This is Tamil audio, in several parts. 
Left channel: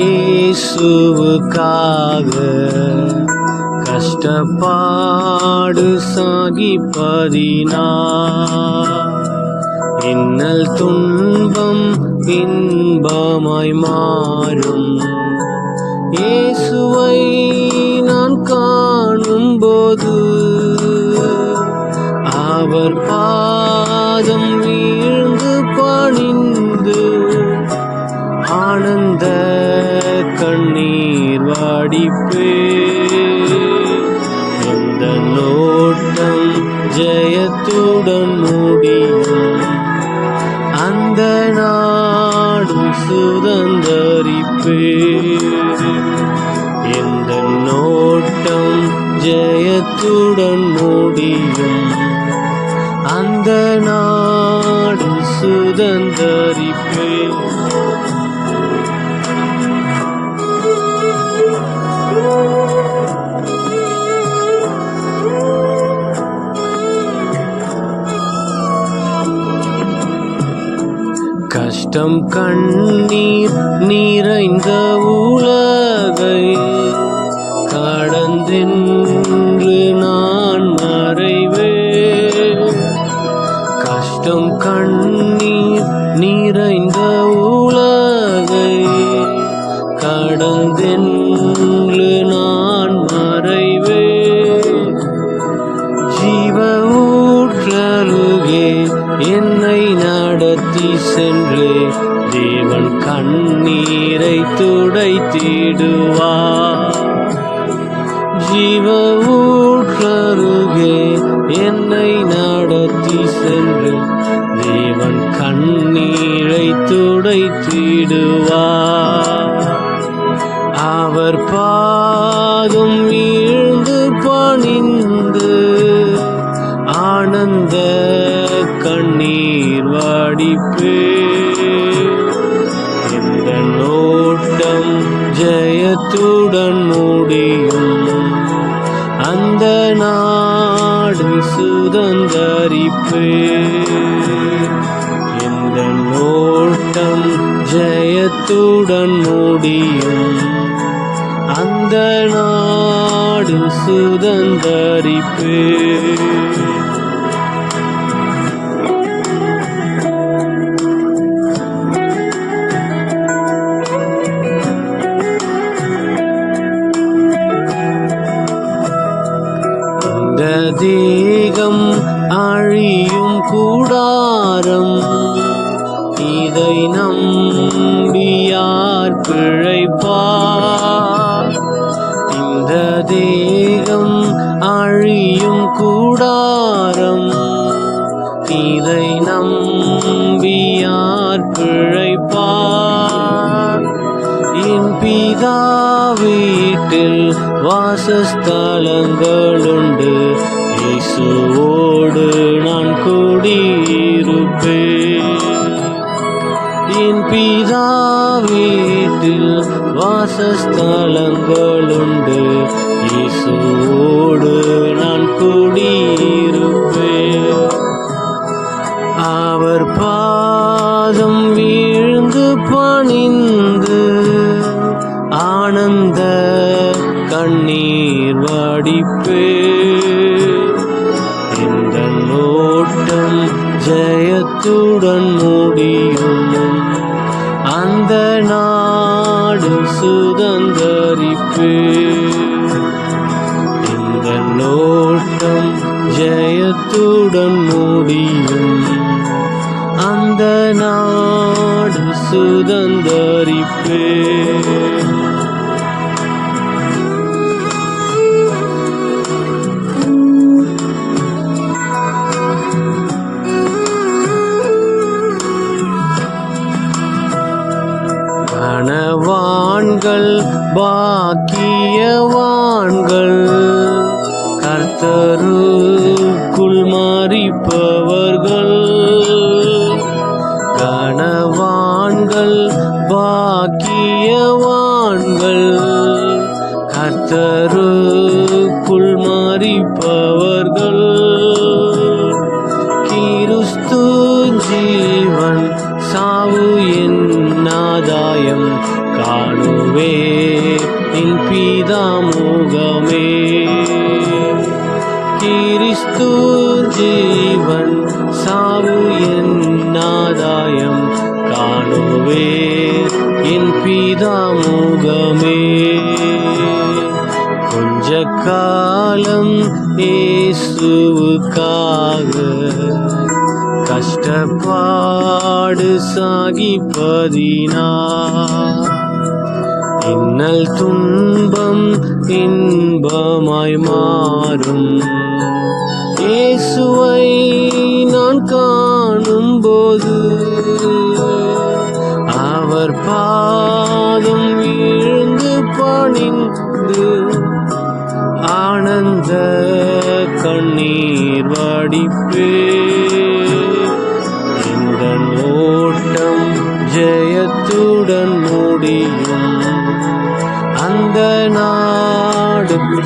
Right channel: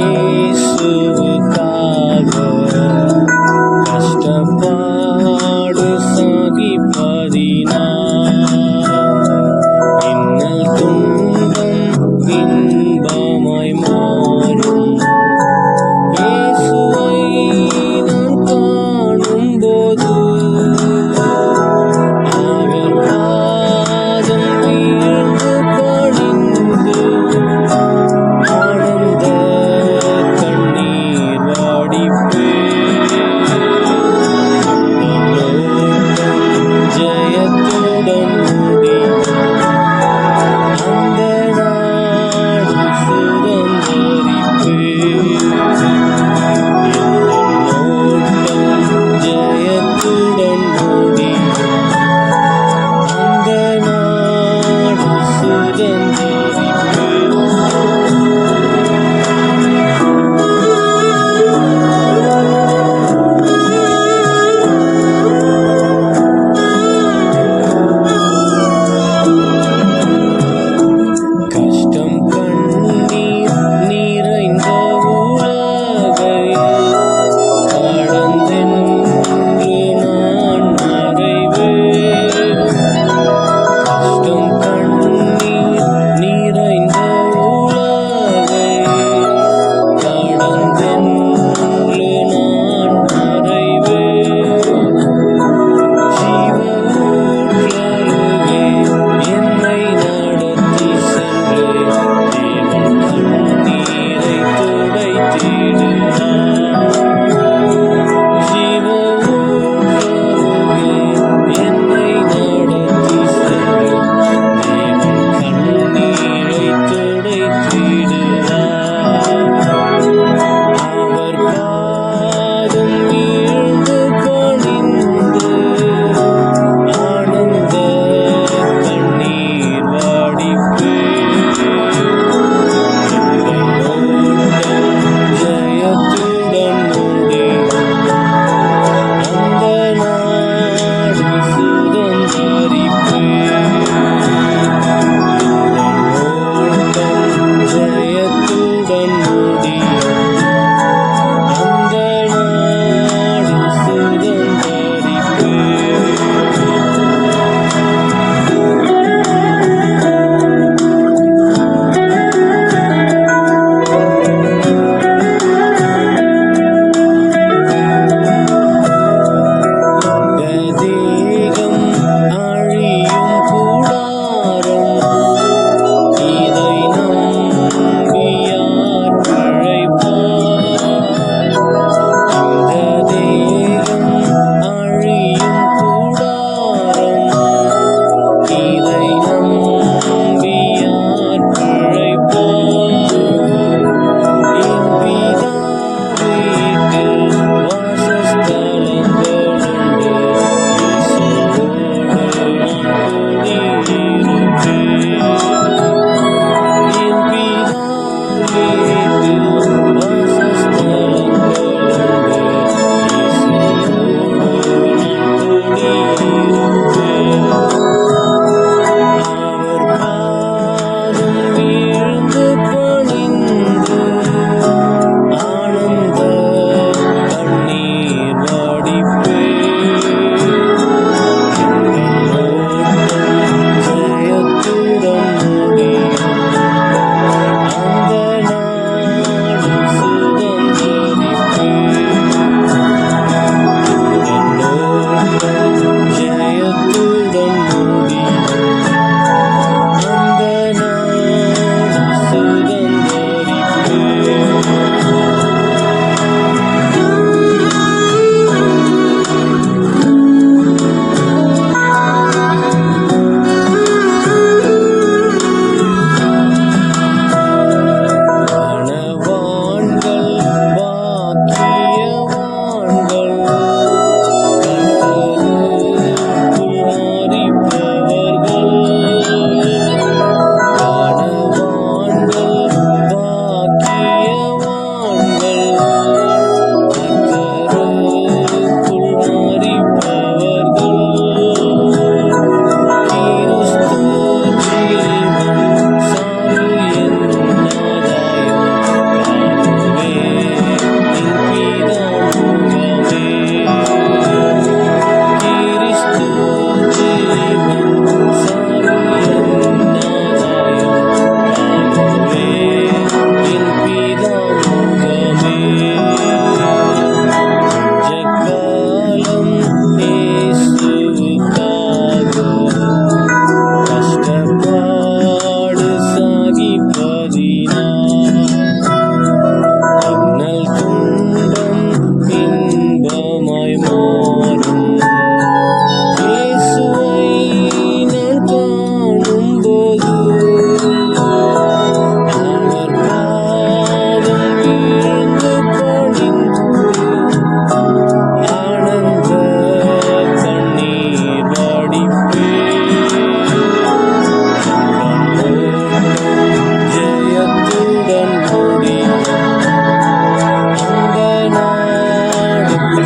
இயேசுவுக்காக கஷ்டப்பாடு சாகிப்பதினா இன்னல் துன்பம் இன்பமாய் மா முடியும் அந்த நாடு சுதந்தரிப்பே எந்த நோட்டம் ஜெயத்துடன் சுதந்தரிப்பு இந்த ஓட்டம் ஜெயத்துடன் முடியும். அந்த நாடு சுதந்தரிப்பு. ചൂടൊന്ന്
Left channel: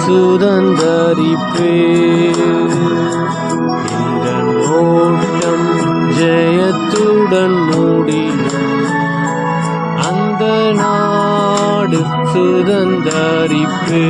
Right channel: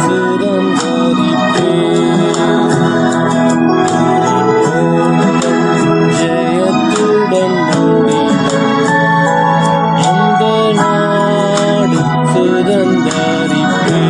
சுதந்தரிப்பே ஓட்டம் ஜெயத்துடன் முடியும். அந்த நாடு சுதந்தரிப்பே